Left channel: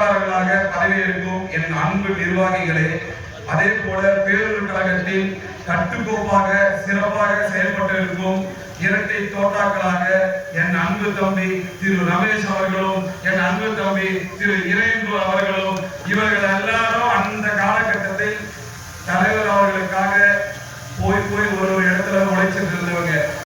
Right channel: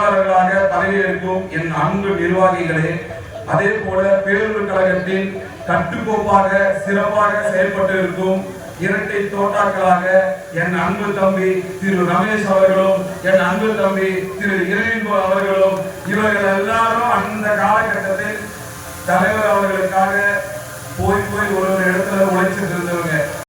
செயலாளர்களாக பதவியேற்கும் என் அன்பு நிர்வாகிகளே, அதே போல பேரூர் கழகத்தின் கட்டுக்கோப்பாக சிறப்பாக செயல்பட்டு இருக்கும் இரட்டை தோட்டாக்களாக என் அன்பு தம்பி திரு ரமேஷ் அவர்களும் என் அன்பு தம்பி திரு இறையன்பு அவர்களும் இவர்கள் எல்லாரும் அந்த காலகட்டத்தில் தலைவர் அவர்களுக்காக போய் ஒரு